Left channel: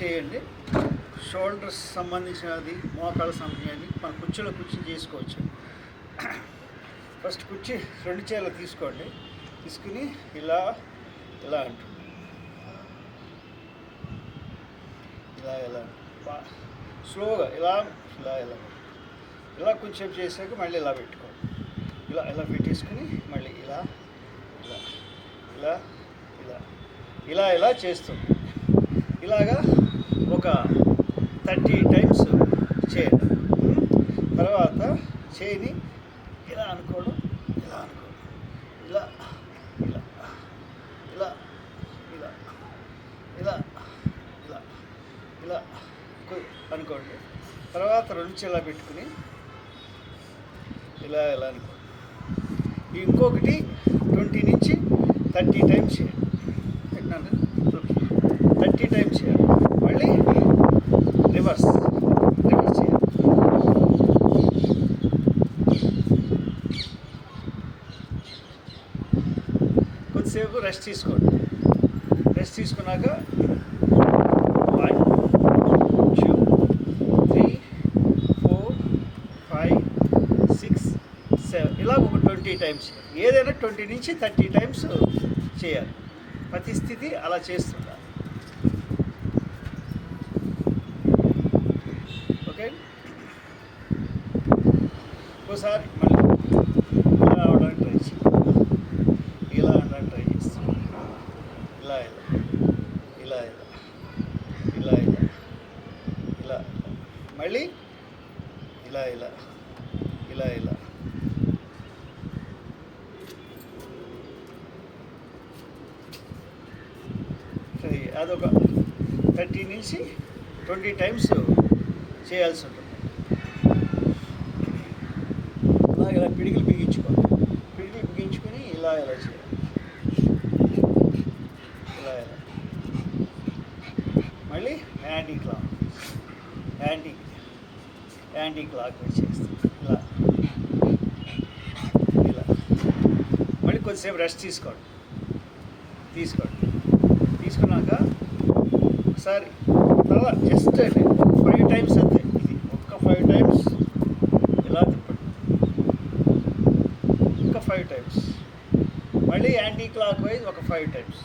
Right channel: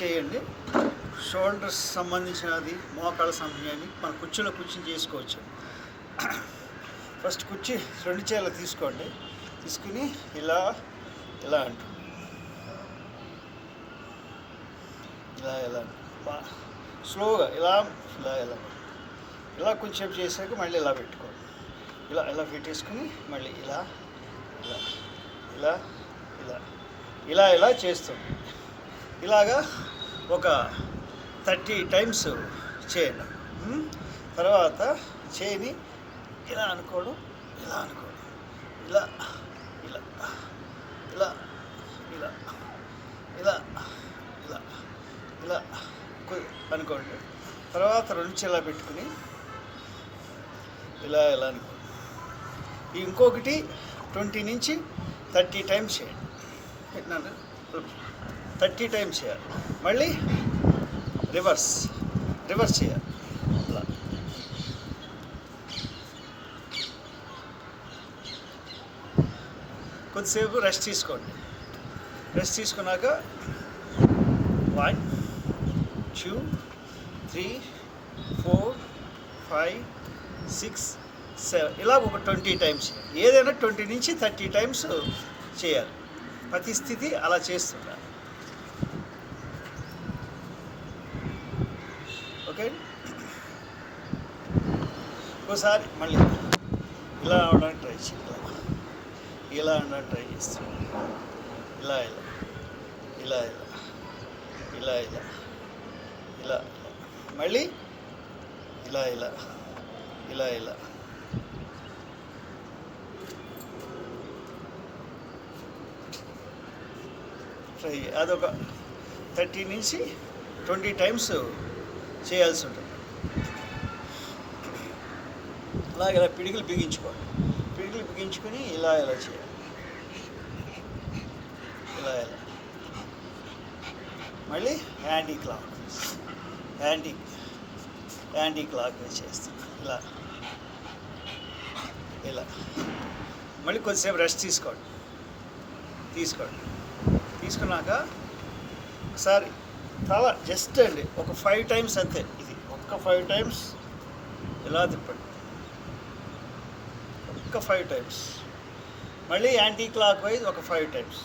చేయండి. షోల్డర్స్ సంబంధించినది, మోకాళ్ళ సంబంధించినది మన కుర్చీలో కూర్చొని చేసుకోవచ్చు. ఫస్ట్ కుర్చీ 2 చేతులు తీసుకోండి. తీసుకుని ఇలా ఇలా అంటుంది, ఇలా స్లోగా ఇలా ఇలా ఇలా ఇలా కొంచెం చేసాక మళ్ళీ ఇలా పెట్టుకోండి. ఇలా పెట్టేసుకుని మళ్ళీ ఇలా ఇలా ఇలా ఇలా ఇలా ఇలా చేస్తుంది. ఇలాగా ఒక 30 టైమ్స్ చేయండి. తర్వాత చేయని ఇలా అనుకోవడం, ఇలా ఇలా ఇలా ఇలా ఇలా ఇలా ఇలా ఇలా అనుకోండి. తర్వాత 2 చేతులు పెట్టుకుని ఇలా ఇలా అనుకోండి. ఇంకొకటి 20 నుంచి 30 టైమ్స్ చేయండి. పెట్టినాను 30 టైమ్స్ చేయాలి. మళ్ళీ రివర్స్ చేయాలి. కొద్దిసేపు రెస్ట్ తీసుకోండి. రెస్ట్ తీసుకున్నాక 1 2 3 4 5 6 7 ఇలా ఒక 20 టైమ్స్ చేయాలి. ఏదైనా 20 నుంచి 30 టైమ్స్ చేయాలి. ప్రతి స్థితి అలా చేస్తుండాలి. ఓకే, ఒకసారి మళ్ళీ ఇలా అవడానికి ట్రై చేయాలి. ఇలా అనడానికి ట్రై చేస్తాను. ఇలా ఇలా ఇలా ఇలా ఇలా ఇలా మళ్ళీ ఇలా ఇలా ఇలా ఇలా ట్రై. అదొక 30 నుంచి 20 టైమ్స్ చేయాల్సి ఉంటుంది. అలాగే ఇలా పిడికిలు బిగించుకోవాలి. పిడికిలు బిగించుకొని ఇలా ఇలా చేయాలి. ఇలా ఇలా మళ్ళీ యాంటీ క్లాక్ వైజ్ చేస్తాం. ఇలా ఇలా మళ్ళీ కొద్దిసేపు రెస్ట్ తీసుకోండి. తీసుకున్నాక ఒకసారి తల జస్ట్ అండి ఒక 5 టైమ్స్ అంతే. ఇది ఒక్క 5 టైమ్స్ ఇలా తిప్పండి. ఇంకా 5 టైమ్స్. మళ్ళీ యాంటీ క్లాక్ వైజ్ ఒక 5 టైమ్స్.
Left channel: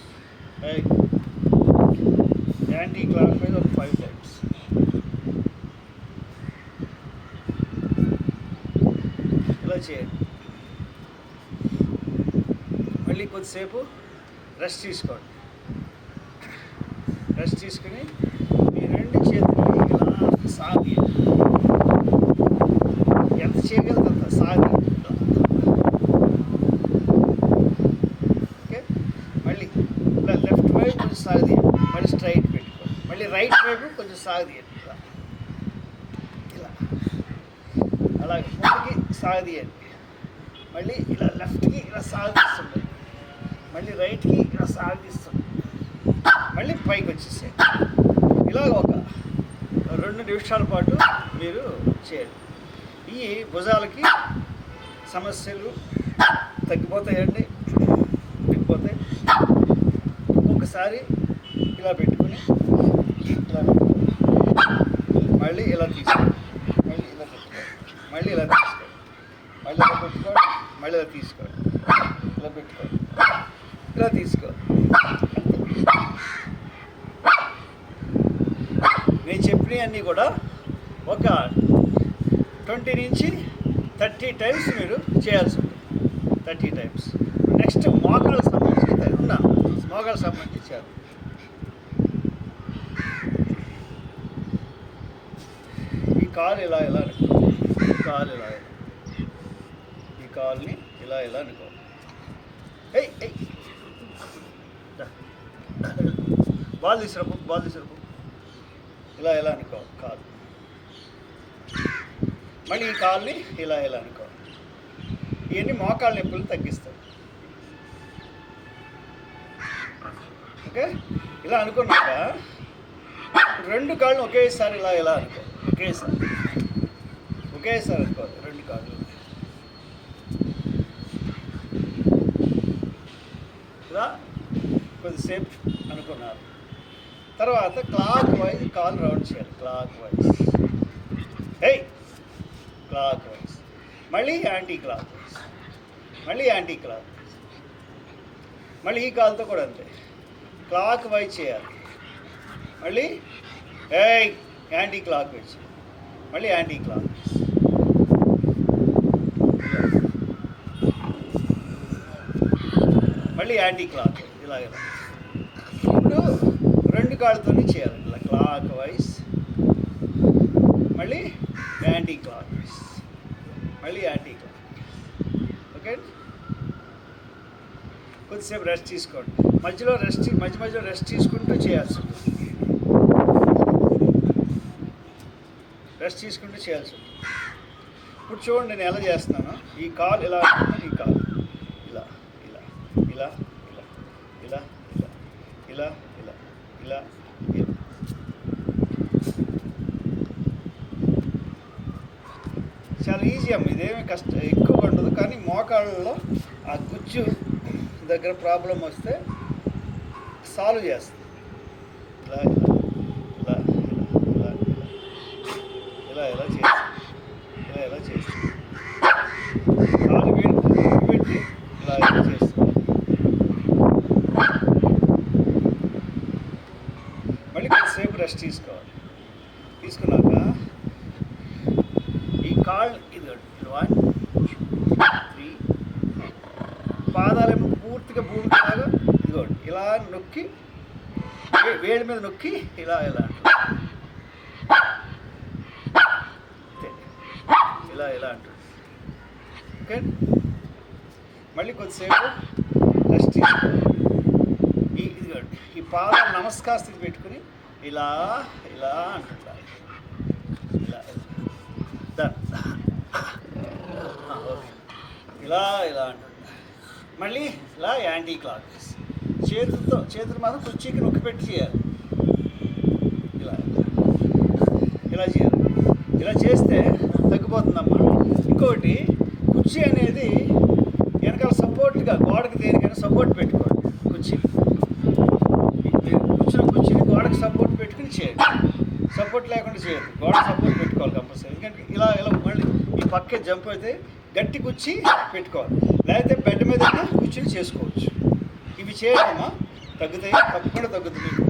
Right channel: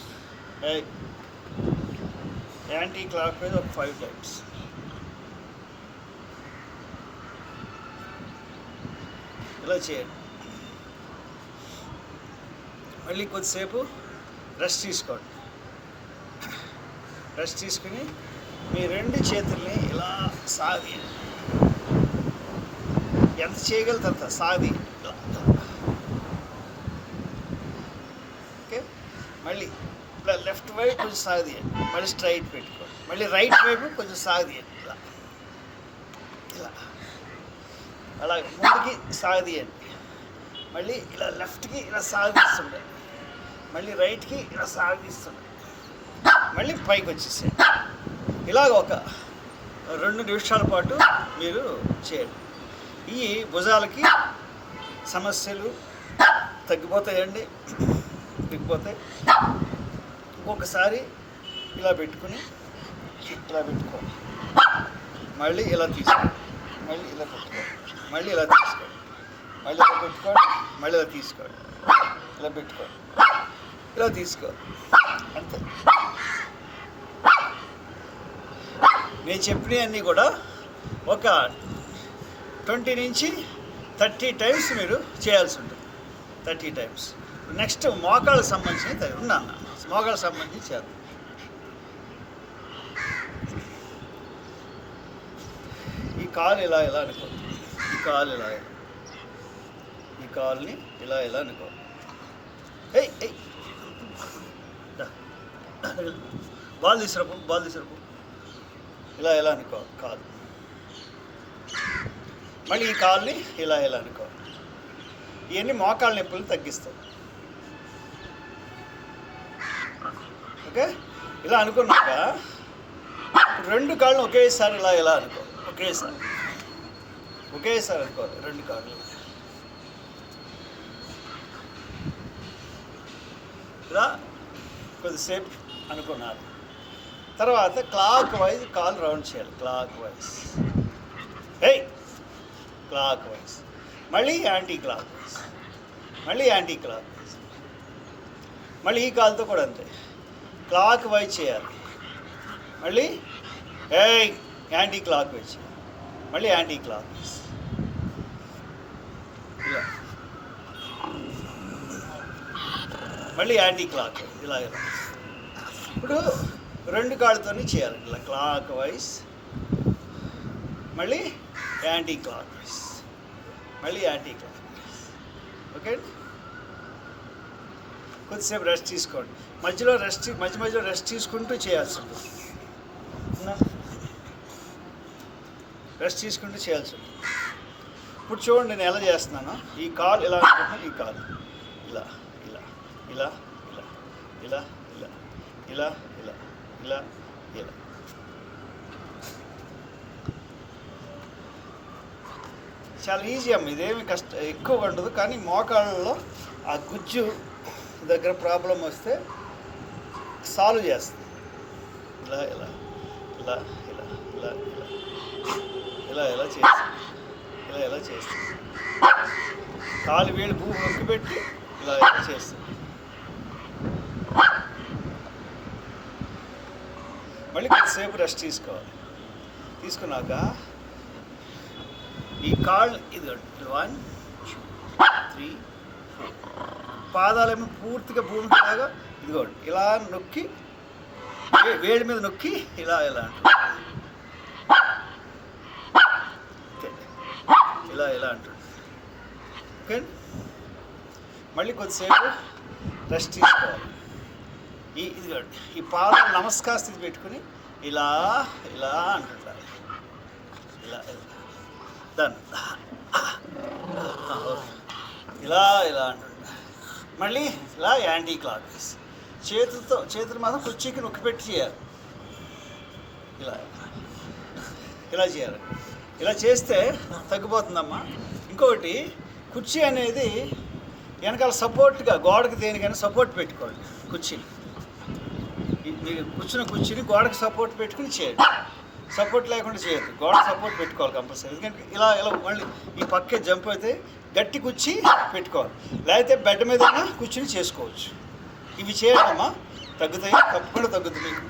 యాంటీ క్లాక్ వైజ్ ఒక 5 టైమ్స్. ఇలా చేయండి. మళ్ళీ కొద్దిసేపు రెస్ట్ తీసుకోండి. రెస్ట్ తీసుకుని మీ 2 చేతుల్ని ఇలా సాగదీయండి. ఎంత చేయగలుగుతారు సాగది. ఓకే, మళ్ళీ ఇలా లెఫ్ట్ వైపు కొంచెం సాగదీయండి. మళ్ళీ స్ట్రైట్ పెట్టుకోండి. మళ్ళీ రైట్ వైపు కొంచెం సాగదీయండి. ఇలా ఇలా అలాగే ముందుకి సాగదీయండి. మళ్ళీ ఇలా లెఫ్ట్కి ఇలా సాగదీస్తుండండి. మళ్ళీ రైట్కి ఇలా సాగదీస్తుండండి. మళ్ళీ పైకి వచ్చేసేయండి. ఇలాగ ఒక 2 నిమిషాల పాటు మీరు చేయండి. ఈ భుజాలకి సమస్యలు తగ్గిపోతాయండి. ఒక్కొక్కసారి ఇలా పెట్టుకోండి. మళ్ళీ ఇలా తీసుకోండి. మళ్ళీ ఇలా పెట్టుకోండి. మళ్ళీ ఇలా తీసుకోండి. మళ్ళీ ఇలా పెట్టుకోండి. మళ్ళీ ఇలా తీసుకోండి. ఇలా పెట్టుకోండి. ఇలా తీసుకోండి. అంతే. నేను చెప్పినవన్నీ కూడా ఒక 20 నుంచి 30 టైమ్స్ మీరు చేయాల్సి ఉంటుంది. 30 టైమ్స్. నెక్స్ట్ మోకాళ్ళకు సంబంధించి మోకాళ్ళకు సంబంధించి చేయాలి. ఈ కాలు ఇలా ఇలా అనుకో. ఈ కాలుని ఇలా ఇలా అనుకో. బాల్ తీసుకురాపు. ఇలా ఇలా అనుకో కాలు. మళ్ళీ ఈ కాలుని ఇలా ఇలా అనుకో. ఇవన్నీ మోకాళ్ళ నొప్పులు తగ్గిస్తాయి. ఓకే, ఇలా అనుకున్నాక 2 కాళ్ళు ఒకేసారి ఇలా ఇలా అనుకో. ఒకేసారి అనుకోవాలి 2 కాళ్ళు. ఇలా కొద్దిసేపు అనుకున్నారు. తర్వాత క్లాక్ వైజ్ కాల్ రౌండ్ చేయాలి. క్లాక్ వైజ్, ఏయ్ క్లాక్ వైజ్, మళ్ళీ యాంటీ క్లాక్ వైజ్, మళ్ళీ యాంటీ క్లాక్ వైజ్, మళ్ళీ ఈ కాల్తో కూడా అంతే క్లాక్ వైజ్ చేయాలి. మళ్ళీ ఏయ్ యాంటీ క్లాక్ వైజ్, మళ్ళీ యాంటీ క్లాక్ వైజ్. మళ్ళీ యాంటీ క్లాక్ వైజ్, ఇలా. ఇప్పుడు 2 కాళ్ళతోనే చేయాలి. ఇలా క్లాక్ వైజ్, మళ్ళీ యాంటీ క్లాక్ వైజ్, మళ్ళీ యాంటీ క్లాక్ వైజ్. ఓకే, కొద్దిసేపు రెస్ట్ తీసుకోండి. మధ్యలో రెస్ట్ తీసుకుంటూ చేయాల్సి ఉంటుంది. రెస్ట్ తీసుకుంటూ చేయాల్సి ఉంటుంది. ఇప్పుడు చూడండి నేను ఎలా చేస్తున్నాను. ఈ కాల్ ఇలా అనుకుంటున్నాను, ఈ కాల్ ఇలా ఇలా ఇలా ఇలా ఇలా ఇలా ఇలా ఇలా ఇలా. చాలా ఈజీ అమ్మ, ఇదేమి ఎక్కువ ఉండదు. కానీ మోకాళ్ళలో ఆ గుజ్జు దగ్గర ప్రాబ్లం వస్తే సాల్వ్ చేస్తుంది. ఇలా ఇలా ఇలా ఇలా ఇలా ఇలా ఇలా చేస్తుంది, ఇలా ఇలా చేస్తుంది. కాలు వేలు పెట్టి ఇలా ఇలా చేస్తుంది. మళ్ళీ కొద్దిసేపు రెస్ట్ తీసుకోవాలి. తీసుకున్నాక ఈ కాళ్ళు ఇది 1 2 3 పాదాలేమో పూర్తిగా భూమికిలాగా ఇదిగోండి ఇలా నొక్కి వేడి మీద నొక్కి ఇలా ఇలా అంటుంది. ఇలా ఇలా అంటుంది. ఓకే, మళ్ళీ కొద్దిసేపు రెస్ట్ తీసుకోవాలి. ఇదిగోండి ఈ పాదాలు నమస్కార స్థితి పెట్టుకుని ఇలా ఇలా అంటుంటారు. ఇలా డన్. ఇలా ఇలా అంటుంటారు. మళ్ళీ ఇలా యాంటీ క్లాక్ వైజ్, చేతులు మాత్రం కుర్చీకి నొక్కి పెట్టి చేయాలి. ఇలా ఇలా చేయాలి. ఇలా చేస్తే తగ్గిపోతుందమ్మా. ఇంకొకటి, కుర్చీ అనేది వెనకాల సపోర్ట్గా గోడకి దేనికైనా సపోర్ట్ పెట్టుకోండి. కుర్చీని గోడకి సపోర్ట్ పెట్టుకుని చేయండి. సపోర్ట్ లేకుండా చేయద్దు, గోడ సపోర్ట్ పెట్టుకోవాలి కంపల్సరీ. ఎందుకంటే ఇలా ఇలా మళ్ళీ ఈ పక్కే జంప్ అయితే గట్టి కుర్చీ పెట్టుకోవాలి. లేకపోతే బెడ్ మీద కూర్చుని చేసుకోవచ్చు. ఇవి చేయడమ్మా తగ్గుతాయి, తప్పకుండా తగ్గుతుంది మీకు.